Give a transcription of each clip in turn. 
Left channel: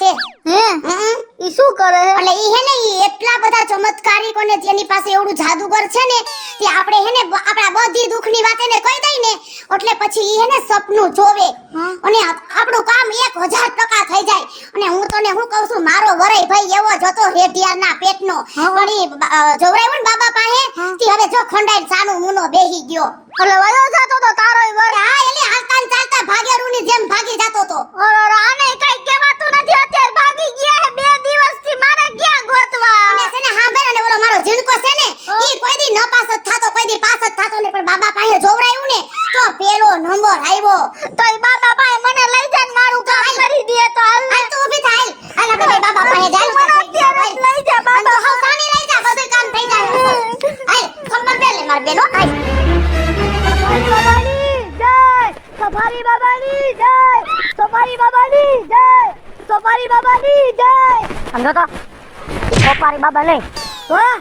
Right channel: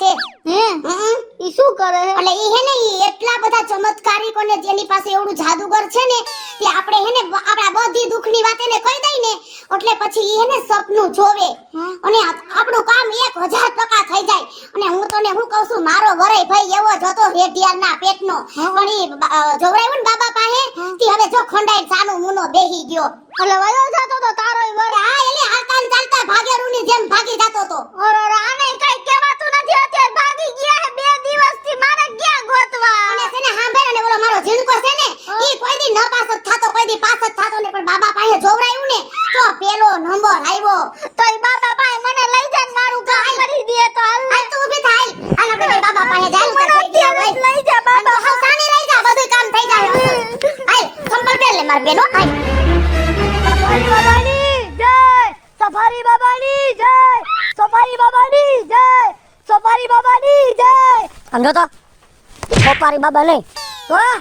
છે હે ઈ શું કરે હે? એટલે ઈ હે ને ઈ એટલા બધા ચમત્કારિકોને જેની પાસે એવડું જાદુગર છે ને કે આપણે હે ને આપણા બધી દુઃખની વાત એને કહી દઈ ને એટલે પછી ઈ હે ને સપનું જોવે અને આપણું કામ 1000% થઈ જાય અને હું તને હું કહું છું મારો વરાઈ ભાઈ એવો જ હતો રેડિયાના પેટનો પણ ઈ જોવરાયું ને બાબા પાસે તી હવે જો ખંડાઈ સાનું મુનો બેહી ગયો એટલે વયો જાતો તો તારો ઈ વર. હા એટલે હાલતા ને ચાલતા ભાગેરુની જેમ ભાગી જાતો તો અરે આને કઈ કહેવાતું નથી, અત્યારે ભાગી ગયા હે 2 દિવસથી, મારે ક્યાં ગોતવા? અને છે ને હાંભળ અને ઓલો મારો ઝીણકો છે ને ઈ કોઈ દી ન પાસ જ થાતો કોઈ દી પાસ જ થાતો ને પણ બાબા પાસે જોવરાયું ને તો પેલો નંબર આવ્યો. તો ઈ બાબા પાસે મને લઈ જા ને મારું કામ કરી દે તો હાલ. હાલ તો ઊભી થાય હાલ આપણે બાબા પાસે જાય મને અત્યારે જ લઈ જા બાબા. તો સાને લઈ જા બધું કામ થઈ જાય. હાલ ખબર પેલે માર બેનો હાલ સફારી બાબાની જય, સફારી બાબાની જય, સફારી બાબાની જય. સમજો તો સફારી બાબા નહીં, વાહ,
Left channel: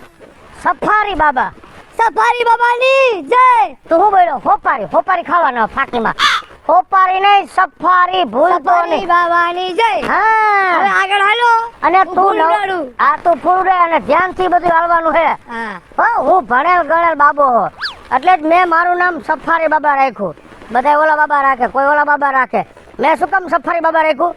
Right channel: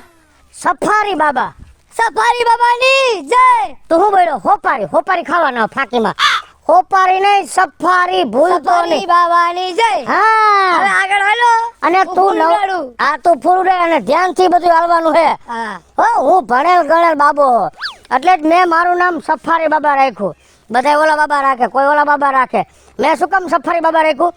સફારી બાબા. સફારી બાબાની જય. તો હું બોલ્યો હોપારી ખાવાના ફાટીમાં. હોપારી નહીં, સફારી ભૂલતો સફારી નહીં. બાબાની જય. હા હવે આગળ હાલો. અને હું તું ફૂલડાડું. તું ફૂલડા અને ધ્યાનથી બધું હાલવાનું છે. હા. હો હું ભણેલ ગણેલ બાબો એટલે જ મેં મારું નામ સફારી બાબા રાખ્યું. બધા ઓલા બાબા રાખે, કોઈ ઓલા બાબા રાખે. મેં શું કામ સફારી બાબા રાખ્યું?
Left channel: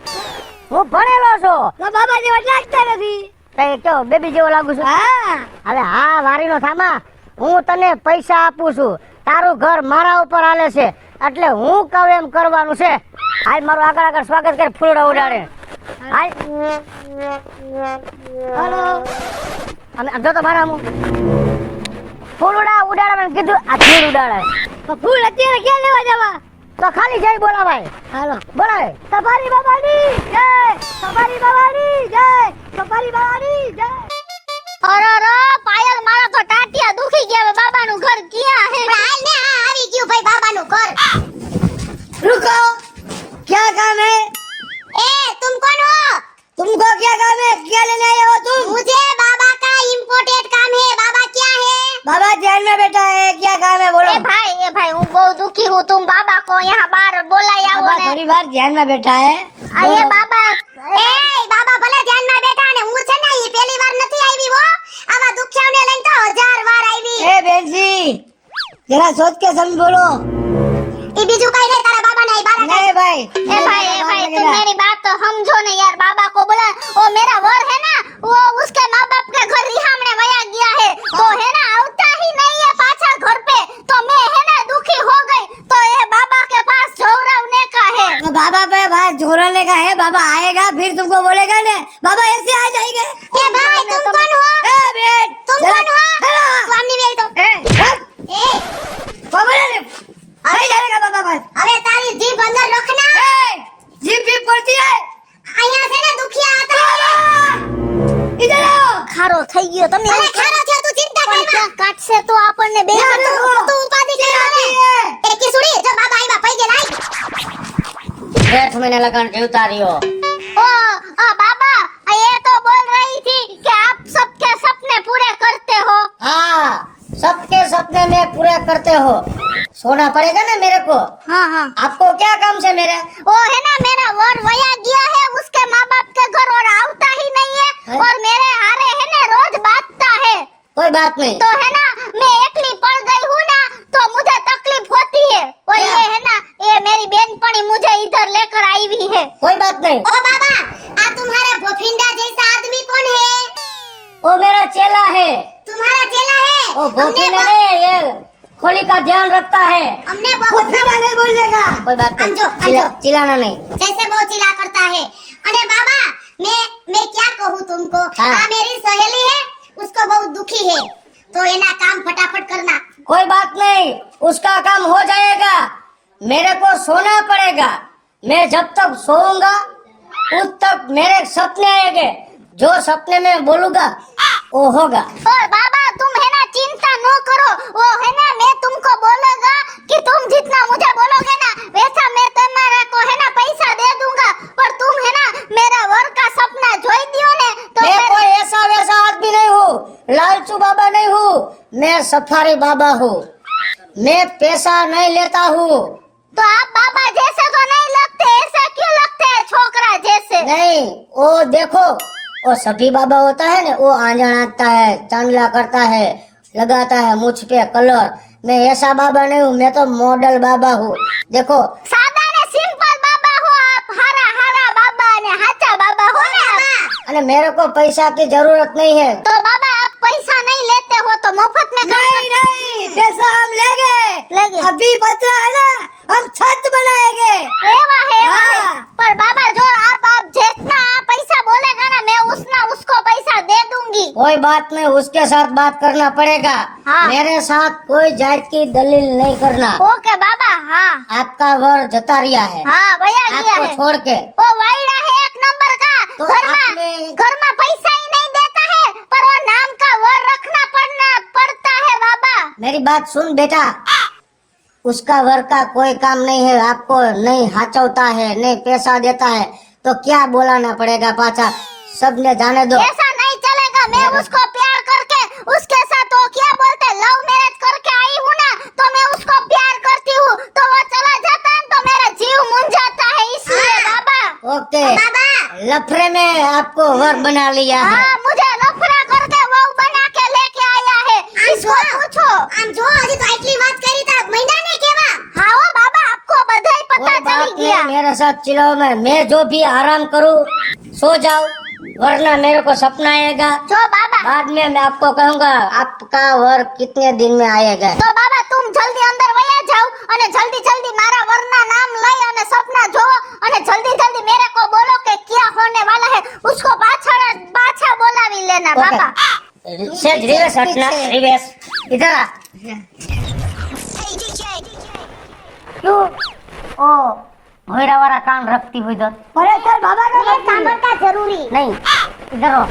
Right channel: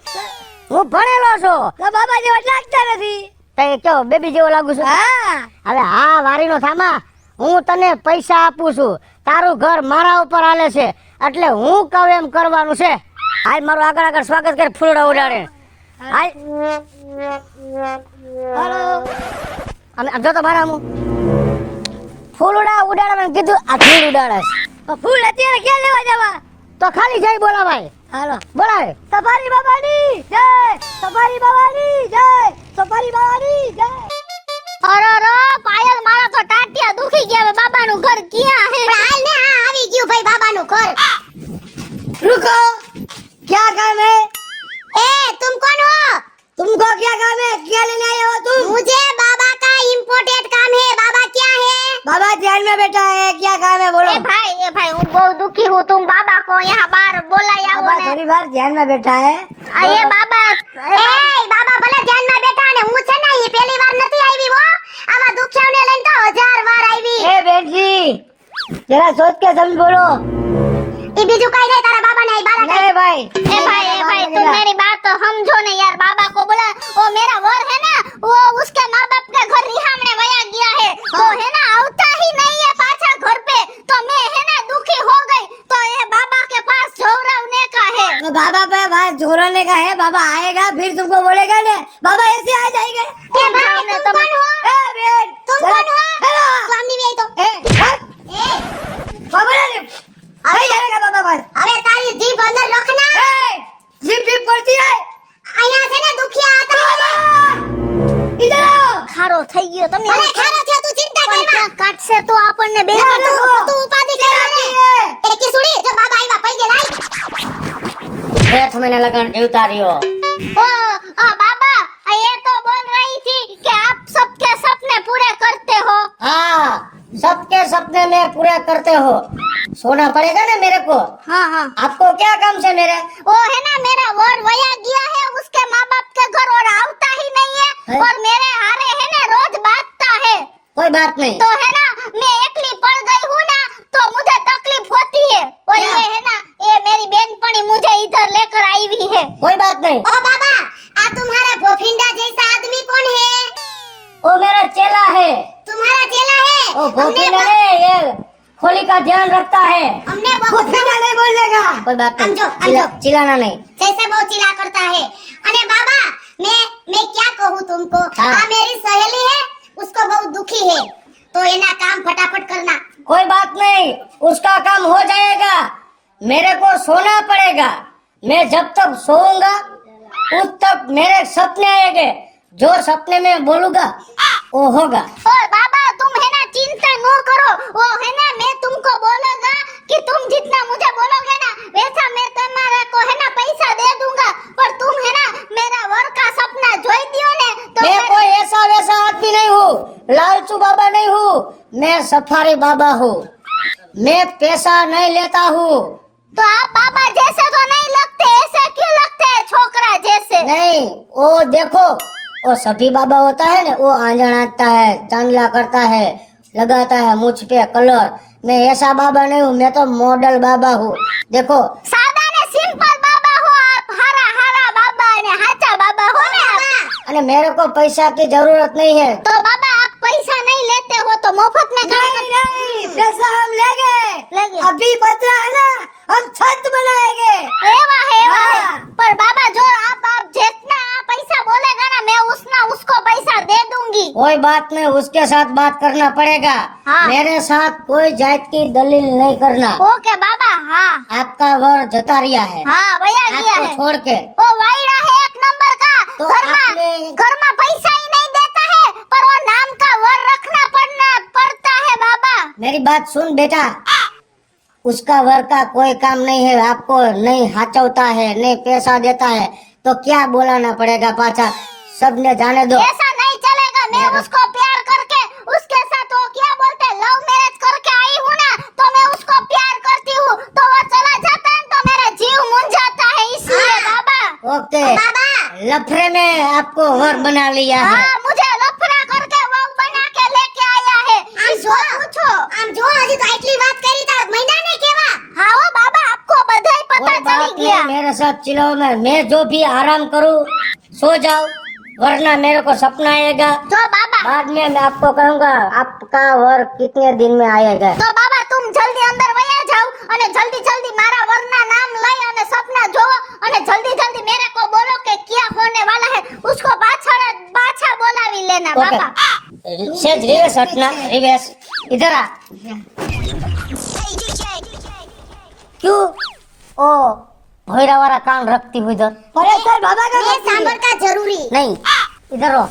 હું ભણેલો છું. આ બાબા જેવા લાગતા નથી. તે કેવો બેબી જેવો લાગુ છું? હા. હવે હા વારીનો સામા, હું તને પૈસા આપું છું, તારું ઘર મારા ઉપર હાલે છે એટલે હું કહું એમ કરવાનું છે. હાલ મારું આગળ સ્વાગત કરે, ફૂલડા ઉડાડે. હાલ હાલો. અમે જો તો મારા ફૂલડા ઉડાડવાનું કીધું, આ ફૂલ ઉડાડે. તો ફૂલ અત્યારે ક્યાં લેવા જવા? તો ખાલી જઈ બોલાવાય. હાલો. બોલાવે. સફારી બાબાની જય, સફારી બાબાની જય, સફારી બાબાની જય. અરે પાયલ, મારા તો ટાટિયા દુખી ગયા. હવે બાબાનું ઘર ક્યાં હે? હાલ ને હા આવી ગયું ભાઈ બાબાનું ઘર. रुको, क्या काम है? ए तुम कौन हो? तुमको क्या काम है? क्या लेने आए हो तुम? मुझे बाबा का इम्पोर्टेंट काम है. बाबा क्या है? बाबा ध्यान में बैठा है, क्या काम है बोलो? ए भाई હું બહુ દુખી હું. तुम बाबा को यहाँ बाहर बोलाई आओ बाबा ने. थोड़ी बार ध्यान में बैठा है. ये बाबा એ બાબા ભલે ધ્યાનમાં બેઠા ને હું છે ને ઈ પહેલી વાર નથી આવી હો. આવા દુખ્યાઓને લઈને તો 1000 વાર આવી. ए बहन जी, जरा सोच के समझ बोलो. ઈ બીજું કઈ નહીં તારા બાબાને આઈ બાબા ए भाई, भाई तुम मेरी बात तो समझो ना यार. बाबा को बोला, वो मेरा वर है ना, वो उसके माँ बाप के घर रिहामने वया गया है तो है ना आवता ही नहीं है पाछा घर पे. तो मैं है ना दुखी हो गई तो ये बाबा के पास झोरावने का है. तो बाबा पे बात जोड़ने का है. बाबा आएगा फिर तुमको बोलेगा ने, बाबा ऐसे आ जाएगा. એ ભાઈ तुम कौन हो? ए बहन, तुम जरा- कौन हो? हेलो. તું આમની વેઈ તો ए, हट. એ बाबा ने, अरे जाएगा बाबा पास. હવે તારી જીભ અંદર રખના. ए, जीप जीप बोलती है. આયા છે ને દુખિયા હતા. इधर आओ. ખારો થઈ ગયો તમને. અરે ખારો છે તું ચિંતા પણ કર ક્યાં કાટશે તો આપણને બે તો ઉપાધિ કરે. એ કિસુડી જો બાબા આઈવા પૈગે લાઈ. 8 महीने लगन देवता दियो. बाबा ये तो बोल रही थी कि आप सबके सपने पूरे करते हो. हाँ, सबके सपने में पूरे करते हो. सोना पड़ेगा ना मेरे को. हाँ हाँ. आपको क्या काम से मेरे? वो है ना मेरा वर वया गया है उसके माँ बाप के घर और आवता ही नहीं है और मेरे हारे है ना रोज बांटता है. कोई बात नहीं. तो है ना मैं एकली पड़ गई हूँ ना तो मुझे तकलीफ होती है और ये है ना ये मेरी बहनपनी मुझे इधर लेकर आई हुई है. कोई बात नहीं. ओ बाबा आ तुम्हारा भोफिंडा जैसा आदमी कौन है? वो मेरा चेला है. तुम्हारा चेला है? वो भोपीना ने ये होली का ध्यान रखता है. हमने बहुत नहीं बोलेगा. कोई बात नहीं. समझो, समझो. चिल्लाना नहीं. जैसे बहुत चिल्ला करता है. अरे बाबा मैं क्या कहूँ तुमको? हाँ। मेरी सहेली है उसको बहुत दुखी है तो ये ना काम फटाफट करना. कोई बात नहीं, उसका काम हो जाएगा. मेरे को सोना पड़ेगा. मैं जब तक सोऊंगा उस तक मेरे सपने आएंगे. जो सपने में बोलूंगा वो होगा. तो बाबा तुम है ना चिंता न करो. वो है ना मैं तुमको बोलूंगा कि तुम जितना मुझे बोलोगे ना वैसा मैं तुम्हारा को है ना पैसा दे दूंगा. पर तुम है ना मेरा वर का सपना जोई दियो ने तो मैं कोई ऐसा वैसा आदमी नहीं हूँ. लालचू बाबा नहीं हूँ. मैं सफारी बाबा हूँ. मैं पैसा नहीं लेता हूँ. तो आप बाबा जैसे तो नहीं लगते, ऐसे क्यों लगते हैं छोकरा जैसे? नहीं, वो देखो, वो सती बाबा होता है ना, वो आंजन आता है, चांदला करता है, लगाता है मुझ पे कलर। मैं ऐसा बाबा नहीं हूँ, मैं तो मॉडल बाबा हूँ। देखो, सादा ने सिंपल बाबा हो आप, हरा हरा बाबा ने हाचा बाबा हो ने आप। अरे मेरे को पैसा की जरूरत नहीं है। तो बाबा आप पैसा नहीं लेते हो तो मुफ्त में नहीं, पैसा हम लेंगे। अभी बचा है ना, हम छत बनाएंगे। एवा है हाँ। पर बाबा जो आप जितना पैसा बोलेगा ना मैं उसको पैसा दे दूंगी। कोई बात नहीं, उसके साथ बात करना पड़ेगा। हाँ। मेरे साथ कोई जात की दलील नहीं करना। ओके बाबा। हाँ आपका वर जता रिया है, हाँ भैया लिया आपको है। छोड़ के। वो वाइडा है एक नंबर का। तो आपने- घर में पैसा ही नहीं देता है पर वो नाम का वर रखना पड़ता है बाबा। मेरी बात सुन बेटा, उसका वर का कोई काम नहीं है। आपको नहीं हाचवता है, नहीं पैसा देता है, तो क्या बोलाना पड़ेगा पाछा? सबने जाने दो। ऐसा नहीं चलेगा। मैं उसको प्यार करके उसके साथ वो क्या बोलते हैं लव मैरिज करके आई हूँ ना, तो मैं उसको प्यार करती हूँ तो वो चला जाता है तो मेरा जीव मुंझाता है इसलिए बाबा। ओके, बाबा लफड़े में आपको वर बना लिया है। हाँ मुझे लफड़ा करके वो बना के लेके आया है। इसको पूछो। આમ જો હજી તો આટલી વાત કરી તા મહિના ને કેવા हाँ वो बाबा आपको बधाई पता कोई चली बात गया। नहीं, मेरे साथ चिल्लाओ में। मैं जो भी आराम करूँ सो जाओ, वरना मेरे को सपना आएगा। जो बाबा बाद में मैं आपको कहूँगा आपका और कितने दिन में आएगा। तो बाबा तुम जल्दी अंदर वया जाओ અને જલ્દી જલ્દી મારા વરના નામ લઈ અને સપના જોવો અને જલ્દી जल्दी मेरे को बोलो कि क्या होने वाला है। उसको पाछा बोलावी लेना ओके, बाबा। सेज रिवर्स हटना, रिवर्स इधर आ। क्यों ओ भोयरा वाला कान रखती हुई इधर? ભલે સર બાબા નો સાંભળતા જરૂરી नहीं, इधर हो।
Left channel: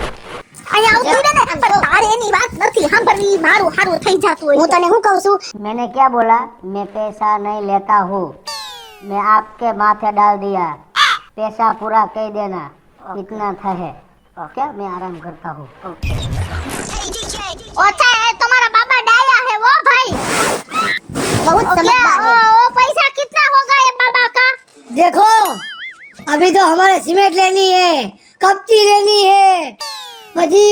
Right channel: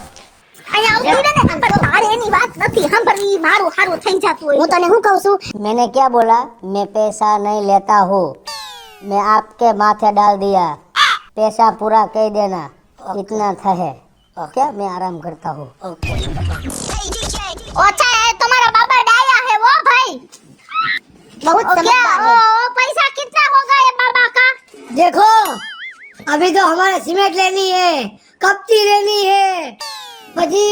અહીંયા આવતી ને પણ તારે એની વાત નથી સાંભળવી મારું હારું થઈ જાતું હોય। હું તને શું કહું છું मैंने क्या बोला? मैं पैसा नहीं लेता हूँ, मैं आपके माथे डाल दिया। पैसा पूरा कह देना, इतना था है। ओके, मैं आराम करता हूँ। ओछा है तुम्हारा बाबा डाया है वो भाई। बहुत क्या સમજદાર है वो पैसा कितना होगा ये बाबा का? देखो, अभी तो हमारे सीमेंट लेनी है, कपची लेनी है, पची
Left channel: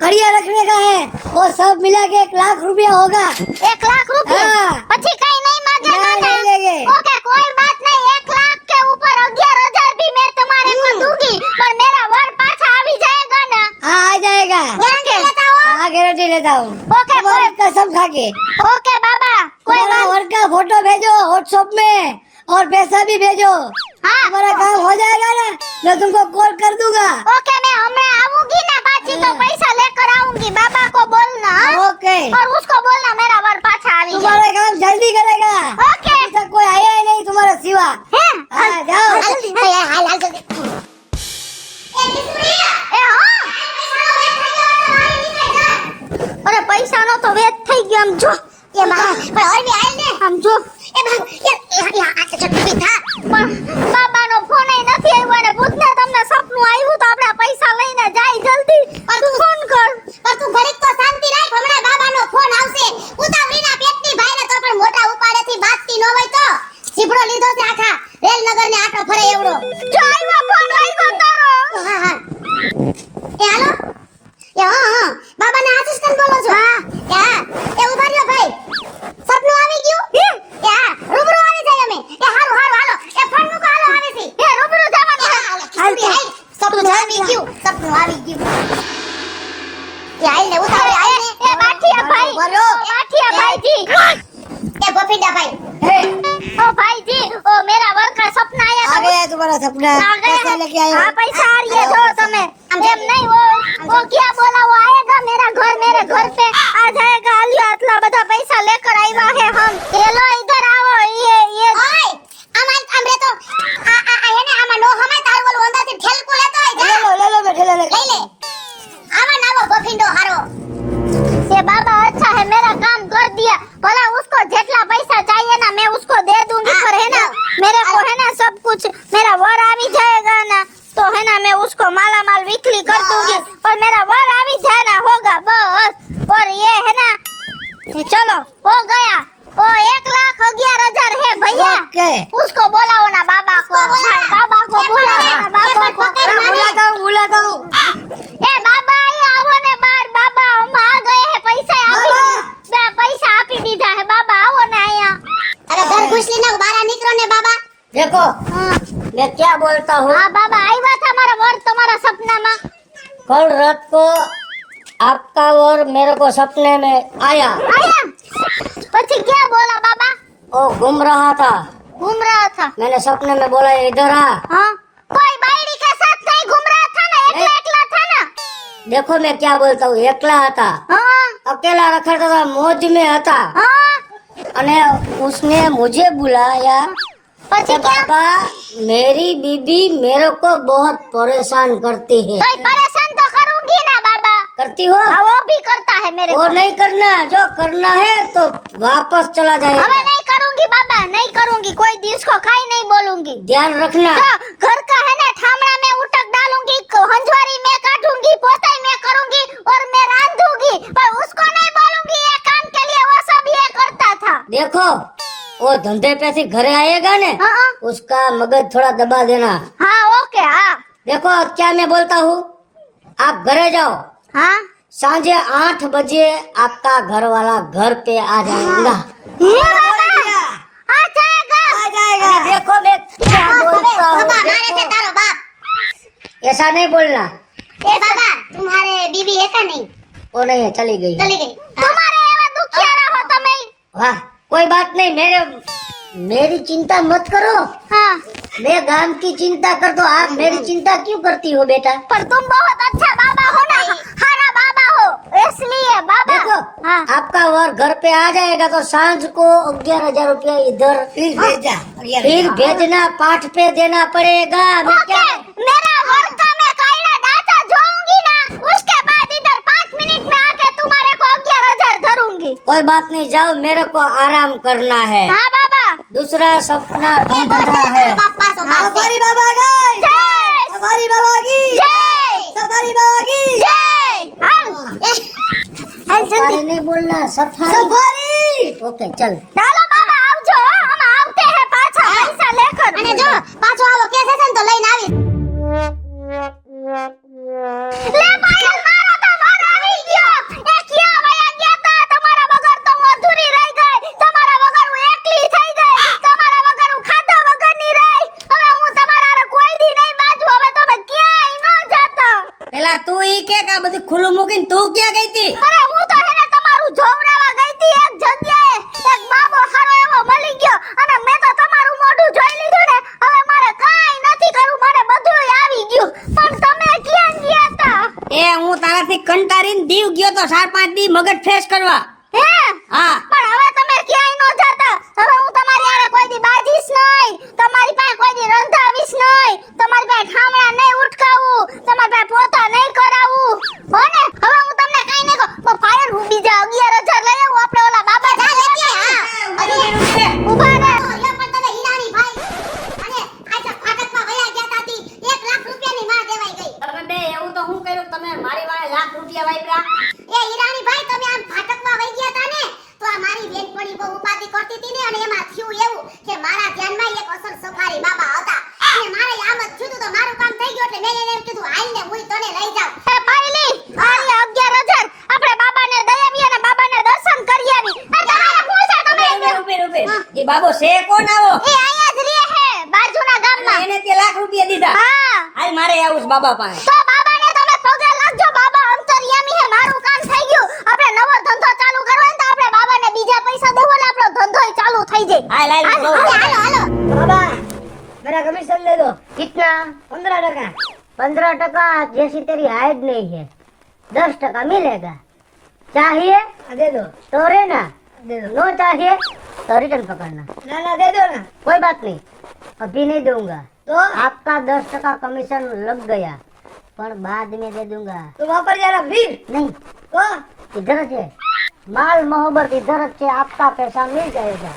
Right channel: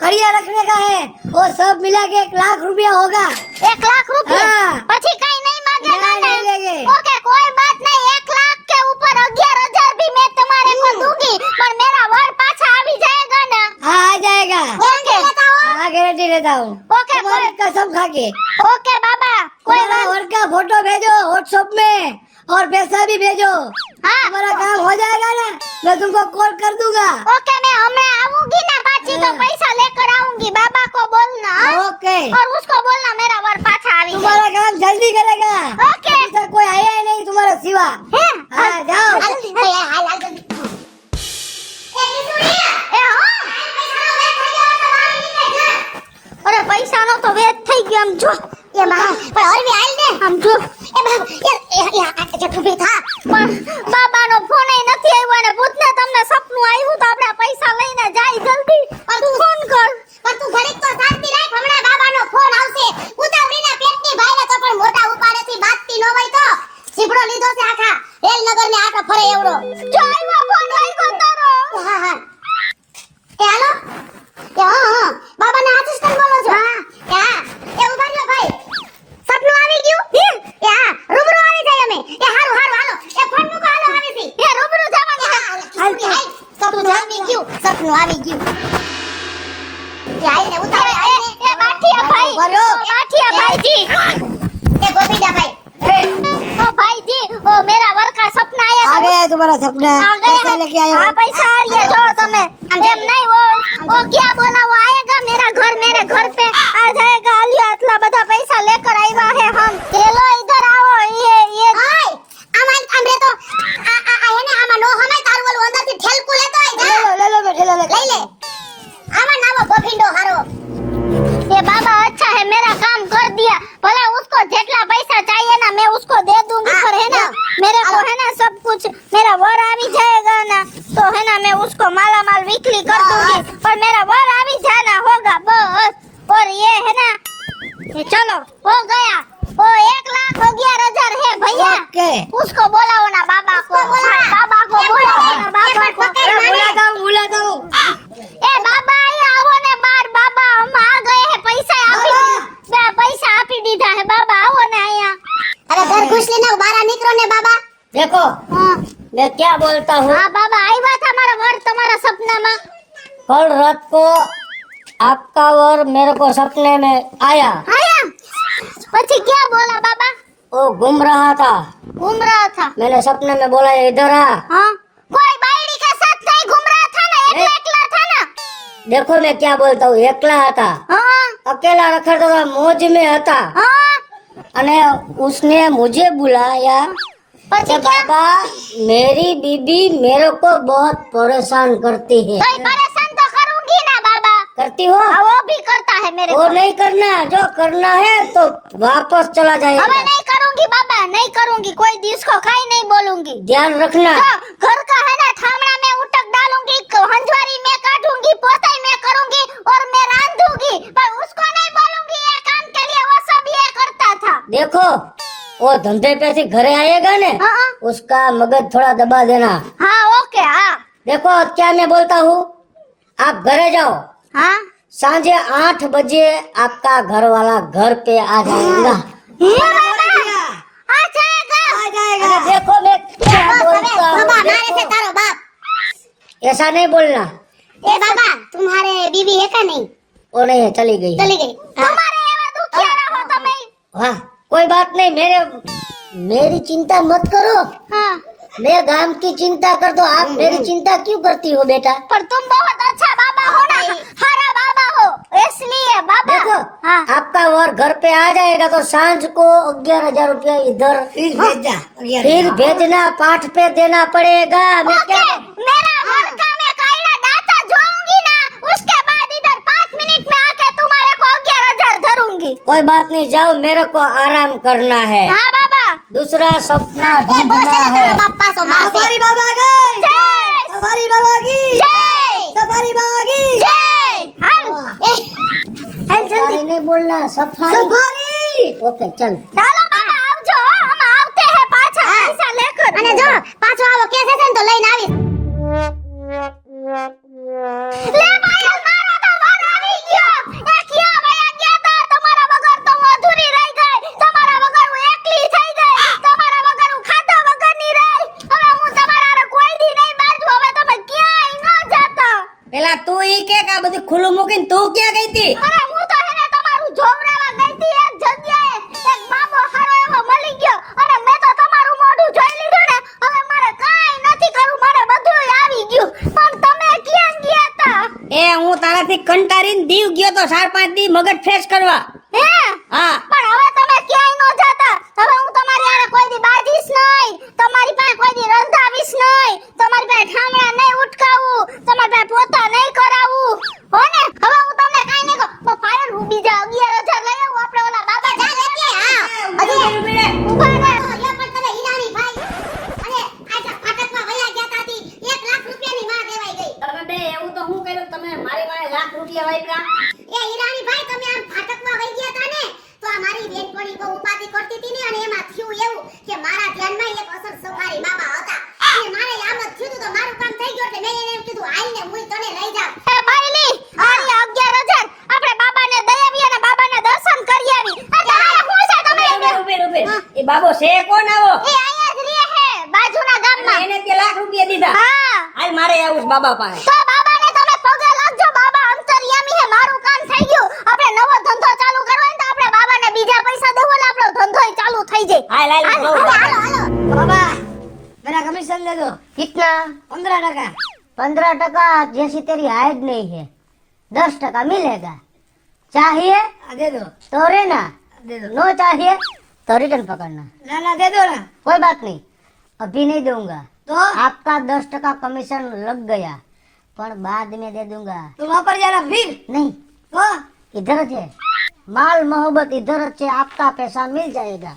खड़िया रखने का है, और सब मिला के 1 लाख रुपया होगा। 1 लाख रुपए हाँ। પછી કઈ નહીં માંગેगा नहीं, नहीं लेंगे। ओके कोई बात नहीं। 1 लाख के ऊपर 11,000 भी मैं तुम्हारे को दूंगी पर मेरा वर पाछा આવી जाएगा ना। हाँ, आ जाएगा। गारंटी लेता हो? हाँ, गारंटी लेता हूँ। ओके तुम्हारी कसम खा के। ओके बाबा कोई तुम्हारा बात वर का फोटो भेजो व्हाट्सएप में, और पैसा भी भेजो। हाँ हमारा काम हो जाएगा ना, मैं तुमको कॉल कर दूंगा। ओके मैं हमें आऊंगी ना बाची तो पैसा लेकर आऊंगी। बाबा को बोलना हाँ? ओके, और उसको बोलना मेरा वर पाछा આવી जाए। तुम्हारा काम जल्दी करेगा। ओके अभी तक कोई आया ही नहीं तुम्हारा सिवा। हैं? हाँ, जाओ। જલ્દી હાલ હાલ હાલ જલ્દી એ કિશોરિયા એ હા પૈસાનો વેટ થઈ ગયો તો મારી નીચે જા અરે પૈસાનો તો વેચ થઈ ગયો આમ જો એ માં પણ અરબી હાલ ને આમ જો એ યાર યાર આ ચટપી થા પણ બાબાનો ફોન ય નથી આવ્યો અને પૂછને તમને સપનું આવ્યું તો આપણે પૈસા લઈને જાય જલ્દી તું ફોન કર પણ તું ઘડીક તો શાંતિ રાખ હમણાં બાબાનો ફોન આવશે ઉતાવળીના પેટની ભાઈને તો પણ મોટા ઉપાડેથી બાતતી ન હોય તો સીપડો લીધો છે આખા રેલનગર ને આટો ફરે એવડો જો આવ્યો ફોન આવ્યો તારો હા હા એ હાલો એ હા બાબાના આસિસ્ટન્ટ બોલો છો હા એ ઉભા રહ્યો ભાઈ સપનું આવી ગયું રૂબરૂ આવી જાય અમે એ હારું હારું હાલો એ ફોન નું હાલો આવી છે એ રૂબરૂ જવાનું સપનું આવી ગયું સપનું આવી ગયું એ આઈ ને ઉતાવળે આઈ ને એ બાઠિયા ભાઈ બોલો બાઠિયા ભાઈજી એ ગોપીડા ભાઈ ओ भाई जी वो मेरा वर का सपना आया आ गया है तुम्हारा सपना। आ गया पैसा है। लेके आए हो। हाँ पैसा आ गया जो तुम्हें एम नहीं वो क्या बोला वो आएगा मेरे घर पे आ जाएगा। लियो इतना बड़ा पैसा लेकर आया है हम। हेलो इधर आओ ये ઓય આમાં આમરે તો આ એને આમાં નો હમે તાર બોલ અંદરથી ઠેલકુ લેતો આઈ જા ले लो ठेला ले। લઈ લે આમાં નાવો ગોપીડો હારો ये बाबा अच्छा है मेरा काम कर दिया। बोला उसको जितना पैसा चाहिए ना मैं उसको दे दूंगी पर है ना मेरे को है ना सब कुछ मेरा वर आवी जाएगा ना तो है ना मैं उसको माला माल बिक्री कर दूंगी और मेरा वर आवी जाना होगा बस। और ये है ना चलो हो गया वो 1,11,000 है भैया। क्या है? उसको बुलाओ ना बाबा को बाबा को बुलाओ ना बाबा को बुलाता हूँ। ए बाबा ये आओ ने बार बाबा हम आ गए हैं पैसा आपी दीधा है बाबा आओ ना यहाँ अरे घर घुस लेना बाहर निकलो ने बाबा देखो हाँ मैं क्या बोलता हूँ। हाँ बाबा आया था हमारा वर तुम्हारा सपना में कल रात को आपका वर मेरे को सपने में आया। પછી क्या बोला बाबा वो घूम रहा था। घूम रहा था मैंने सपने में बोला इधर आ। हाँ कोई बायड़ी के साथ नहीं घूम रहा था ना एकला था ना देखो मैं क्या बोलता हूँ, एकला था, हाँ अकेला रखता था, मौज में था। हाँ अने उसने मुझे बुलाया પછી तो क्या पापा मेरी बीबी मेरे को बहुत परेशान करती है। कोई परेशान तो करूंगी ना बाबा करती हो? हाँ, वो भी करता है मेरे वो को नहीं करना, जो करना है तो वापस चला जाएगा। अब नहीं करूंगी बाबा नहीं करूंगी कोई दिस को कहीं नहीं बोलूंगी ध्यान रखना। हाँ, घर का है ना ठामड़ा में उटक डालूंगी हंजवारी में काटूंगी पोताई में करूंगी और मैं रांधूंगी पर उसको नहीं बोलूंगी ये काम के लिए वो सब ये करता था देखो वो धंधे पे से घरे आएगा ने हाँ। उसका मगज थोड़ा दबा देना। हाँ ओके हाँ देखो क्या मैं बोलता हूँ, आप घरे जाओ, हाँ सांझे 8 बजे आपका घर वाला घर पे आ जाएगा। आ जाएगा अरे देखो मैं क्या बोलता बाबा हूँ, मारे से तारो बाप ऐसा नहीं बोलना। ए बाबा तुम्हारे बीबी है का नहीं वो नहीं चली गई। चली गई तुम्हारे एवा दुखिया रहो તમે हाँ कोई बात नहीं, मेरी चिंता मत करो, हाँ मैं गांव की चिंता कर दो। आप मेरी चिंता क्यों करती हो बेटा? पर तुम बहुत अच्छा बाबा हो ना हरा बाबा हो इसलिए बाबा देखो हाँ आपका और घर पे आ जाएगा तो सांझ को 11,000 रुपया इधर फिर भेजना, पाठ पे देना पड़ेगा। मैं ओके क्या मेरा वर का मैं कायला डाटा जोऊंगी ना उसके बाद इधर 5 मिनट में आके तुम्हारे को 11,000 धरूंगी कोई बात नहीं, जाओ मेरे को आराम करना है। हाँ बाबा दूसरा सपना ए भी बस बड़ा है। बापा सो मारे बाबा गए, जय सफारी बाबा की, जय सफारी बाबा की। जय हाँ सफारी नहीं बोलना, सफारी। ओके चल। ચાલો બાબા આવજો हम આવते हैं પાછા પૈસા લેकर અને જો પાછો આવો કે છે ને તો લઈને આવીશ લે ભાઈ મારો તો વર આવી ગયો એ ક્યાં વયા ગયા તા તમારા વગર તો હું અધૂરી રહી ગઈ તમારા વગર હું એકલી થઈ ગઈ તમારા વગર હું ખાધા વગરની રહી હવે હું તમારા હારે કોઈ દી નહીં બાજુ હવે તમે ક્યાંય ન જાતા પેલા તું ઈ કે કા બધું ખુલ્લું મૂકીને તું ક્યાં ગઈ તી? અરે હું તો એને તમારું જોવરાવા ગઈ તી એક જગ્યાએ એક બાબો હારો એવો મળી ગયો અને મેં તો તમારું મોઢું જોઈ લીધું ને હવે મારે કાંઈ નથી કરવું મને બધું આવી ગયું પણ તમે ક્યાં ગયા તા એ હું તારાથી કંટાળીને દીવ ગયો તો 4-5 દી મગજ ફ્રેશ કરવા। એ હા પણ હવે તમે ક્યાંય ન જાતા હવે હું તમારી હારે કોઈ દી બાજીશ નહીં તમારી પાસે કોઈ દી રંધાવીશ નહીં તમારી પાસે ઠામડા નહીં ઉટકાવું તમારી પાસે પોતા નહીં કરાવું હો ને હવે હું તમને કાંઈ નહીં કહું ફાયર હું બીજા 11,000 લઈ આવું આપણે ઓલા બાબા જા લેતી હા હજુ ઉભા રહે યો પણ તને હીરાની ભાઈ અને આજા ફાટકમાં વયા ગયા તાતી 1 લાખ રૂપિયાની વાત દેવાઈ ગઈ તમે બે એવું તો હું કર્યું, તમે મારી વાળે લાખ રૂપિયા વાપર્યા? એ હીરાની ભાઈ તમે આમ ફાટકમાં વઈ ગયા તા ને તો આ મારી બેનપણી બહુ ઉપાધિ કરતી હતી ને અને એમાં થયું એવું કે મારા ધ્યાનમાં એક અસર સફારી બાબા હતા અને મારે આ બધું થયું તો મારું કામ થઈ ગયું એટલે મેં એને એમ કીધું હાલને હું તને લઈ જાઉં એ ભાઈ લે હાલને 11,000 આપણે બાબાને દઈ આવીએ અને બાબાને દર્શન કરી આવી તમારે શું છે તમે એ બાબો છે કોણ આવો? એ અહીંયા જ રહે છે બાજુના ગામમાં એને તે લાખ રૂપિયા દીધા। હા હાલ મારે આવું છે બાબા પાસે। તો બાબાને તમે પગે લાગજો બાબા અંતર્યામી હે મારું કામ થઈ ગયું આપણે નવો ધંધો ચાલુ કરવાનો તો આપણે બાબાને બીજા પૈસા દઉં ને આપણો ધંધોય ચાલુ થઈ જાય હાલ હાલ હાલો હાલો હાલો बाबा मेरा कमीशन दे दो। कितना 15%। 15% जैसी तेरी हाइट नहीं है 10% मिलेगा चाहिए दे दो। तो रहना दे दो। नो चाहिए तो रिटर्न पकड़ना ना ना दे दो ना। कोई बात नहीं अभी नहीं दूंगा तो आपका 10% कमीशन लग गया पर बाद में दे दूंगा तुम वहाँ पर जाना फिर नहीं तो इधर से माल मोहब्बत इधर से आपका पैसा मिल जाएगा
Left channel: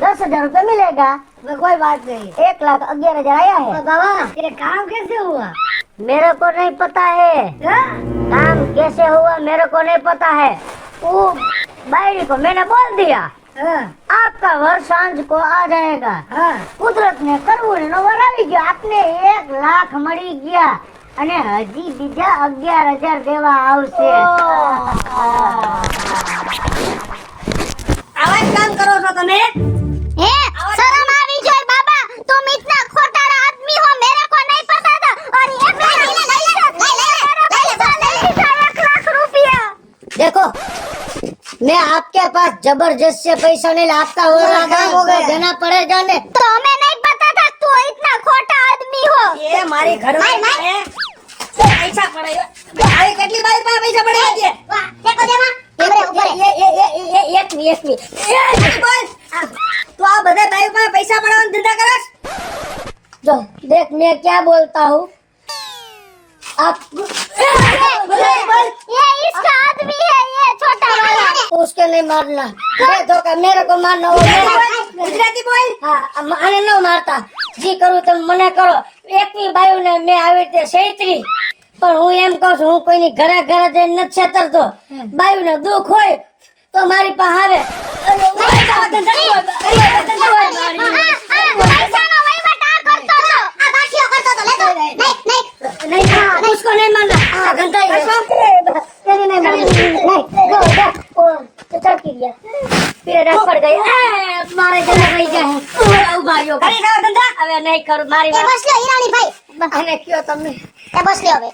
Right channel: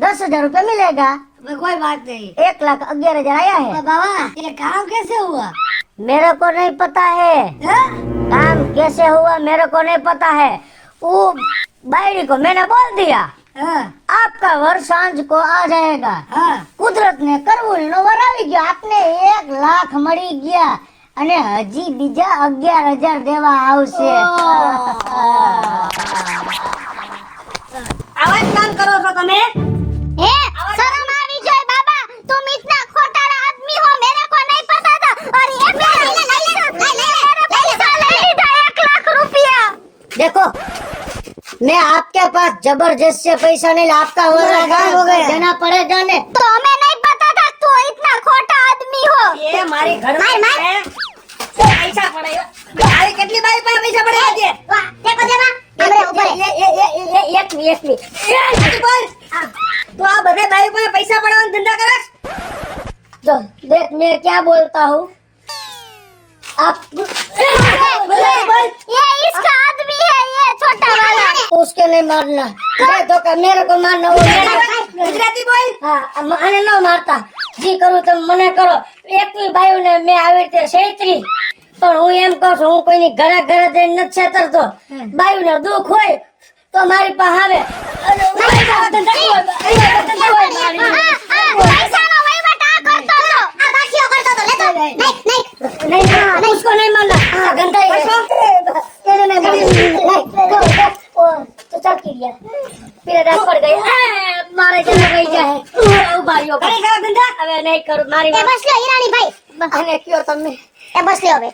10,000 रुपये मिलेगा मैं कोई बात नहीं। 1,11,000 आया है तो बाबा ये काम कैसे हुआ? मेरे को नहीं पता है हाँ? काम कैसे हुआ मेरे को नहीं पता है वो भाई को मैंने बोल दिया आपका वर सांझ को आ जाएगा કુદરત ને કરવું લવર આવી ગયો આપને 1 લાખ મળી ગયા અને હજી બીજા 11,000 દેવા આવશે આવા જ કામ કરો છો તમે है शर्म आवी जाए बाबा तुम इतना खोटारा आदमी हो मेरे को नहीं पता था और ये पैसा ले 1 लाख रुपया देखो मैं आपके पास जबरदस्त से पैसा नहीं आपका वो देना पड़ेगा ने तो हमें नहीं पता था तू इतना खोटा आदमी हो ये हमारे घर में पैसा पड़ेगा मारे કેટલી બારી પાસે પૈસા પડ્યા છે વાહ દેખો દેવા ઉભરે ઉભરે એક બોલ तो आप बता भाई पर पैसा बढ़ाने धंधा करस जो देख मैं क्या बोलता हूँ आप ये इसका आदमी है ये छोटा वाला उसके नहीं मारना ये तो का मेरे को मारना हो गुजराती बोल हाँ आने न मारता जी करूँ तो मना करो एक भी भाई ने मैं आवे थे सेत्री પણ હું એમ કહું છું હું કોઈની ઘરે ઘરે જઈને નથી છેતરતો બાયુને દુઃખ હોય તો મારી પાસે આવે અને पैसाનો વહીવટ આ કરતો હતો આ બાકીઓ કરતો તો લેતો નહીં नहीं उसको नहीं मारना गंदा ही नहीं चल के गया फिर पड़ गई मारे जने भाई क्या है ओ भाइयों भाई गंदा હવે નહીં કરું મારી એ બસ લે ઈરાની ભાઈ અને કયો તમે એ બસ લે હવે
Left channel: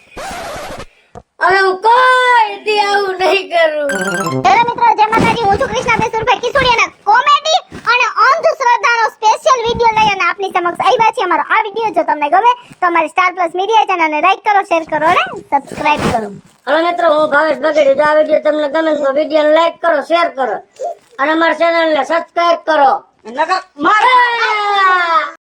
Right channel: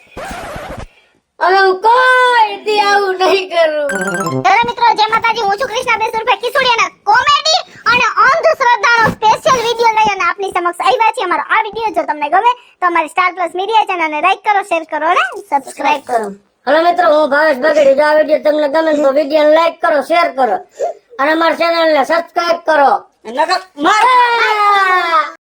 હવે હું કોઈ દી આવું નહીં કરું હેલો મિત્રો જય માતાજી હું છું કૃષ્ણા બેસુરભાઈ કિશોરિયાના કોમેડી અને અંધશ્રદ્ધાનો સ્પેશિયલ વિડિયો લઈ અને આપની સમક્ષ આવ્યા છે અમારો આ વિડિયો જો તમને ગમે તો અમારી સ્ટાર પ્લસ મીડિયા ચેનલને લાઈક કરો શેર કરો અને સબસ્ક્રાઇબ કરો હેલો મિત્રો હું ભાવેશ બગડી આ વિડિયો તમને ગમે તો વિડિયોને લાઈક કરો શેર કરો અને અમારી ચેનલને સબસ્ક્રાઇબ કરો નકર મારે